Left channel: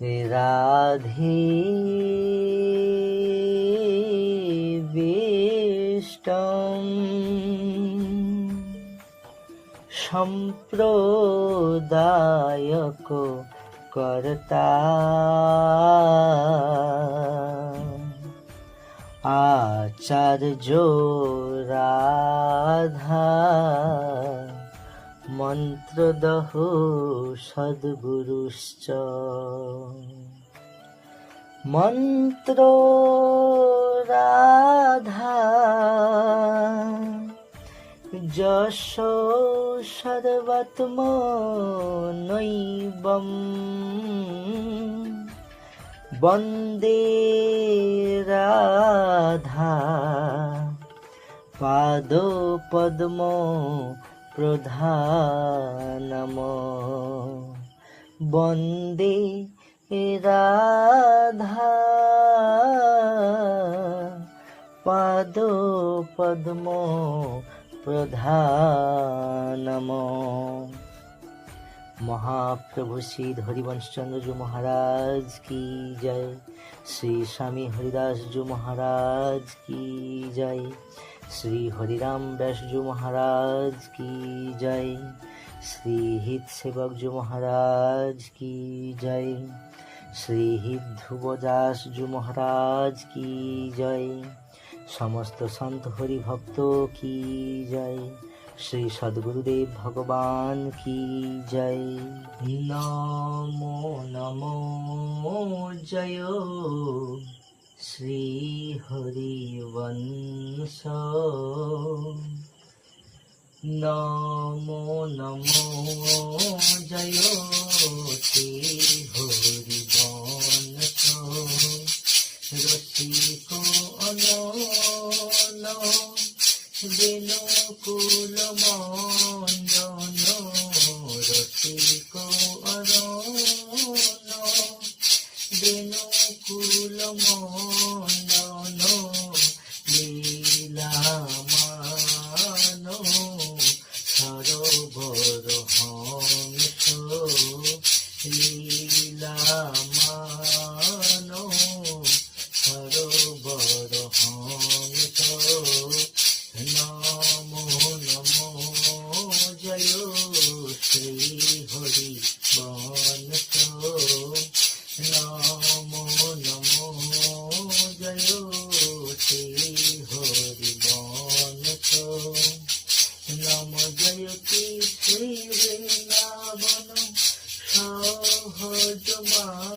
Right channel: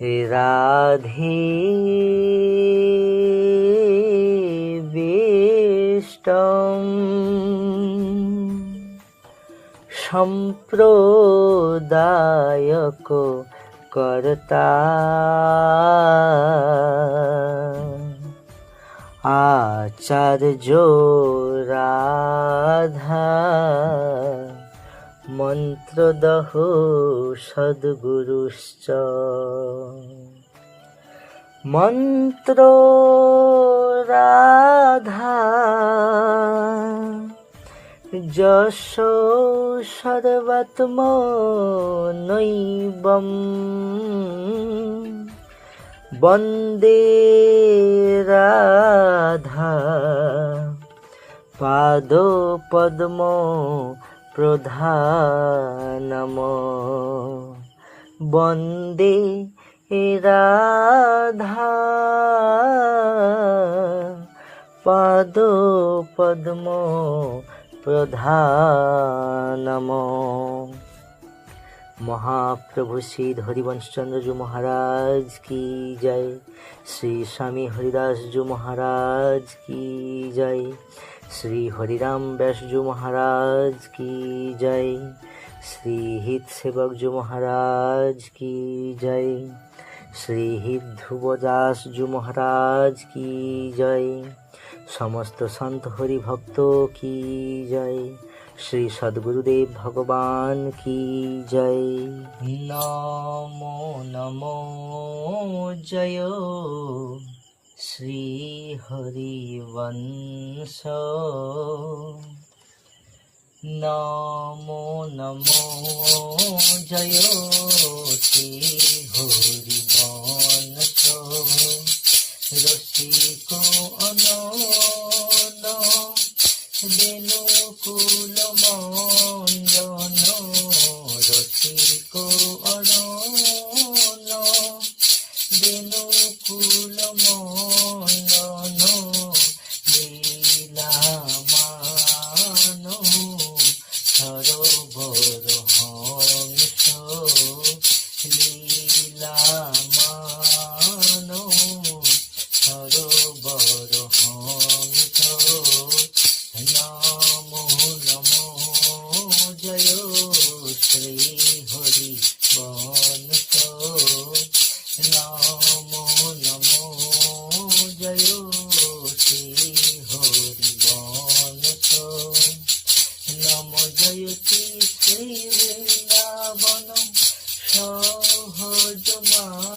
রাধে বেষ্টম সম্প্রদায়ক কর্তা আচার্য রাধা মন্ত্রদহ সদ্গুরুশ্চ মন্ত্র রাধা যশ সর্বাত্মনৈবম বন্দে রাধা পাদপদ্ম প্রধানম বন্দে রাধা পাদপদ্ম প্রধানম। महाप्रभु श्री हरिवंश चंद्र जी महाराज की जय। श्री स्वामी हरिदास जी महाराज की जय। श्री हरिराम व्यास जी महाराज की जय। श्री हित सेवक जी महाराज की जय। श्री हित ध्रुवदास जी महाराज की जय। समस्त संत हरि भक्तों की जय। श्री सद्गुरुदेव भगवान की जय। नमो नमो जय श्री हरिवंश नमो नमो जय श्री हरिवंश रसिक अनन বেণুকুল মণ্ডন রসিক অরণ বেণুকুল মণ্ডন লীলামান সরোবর হংস লীলা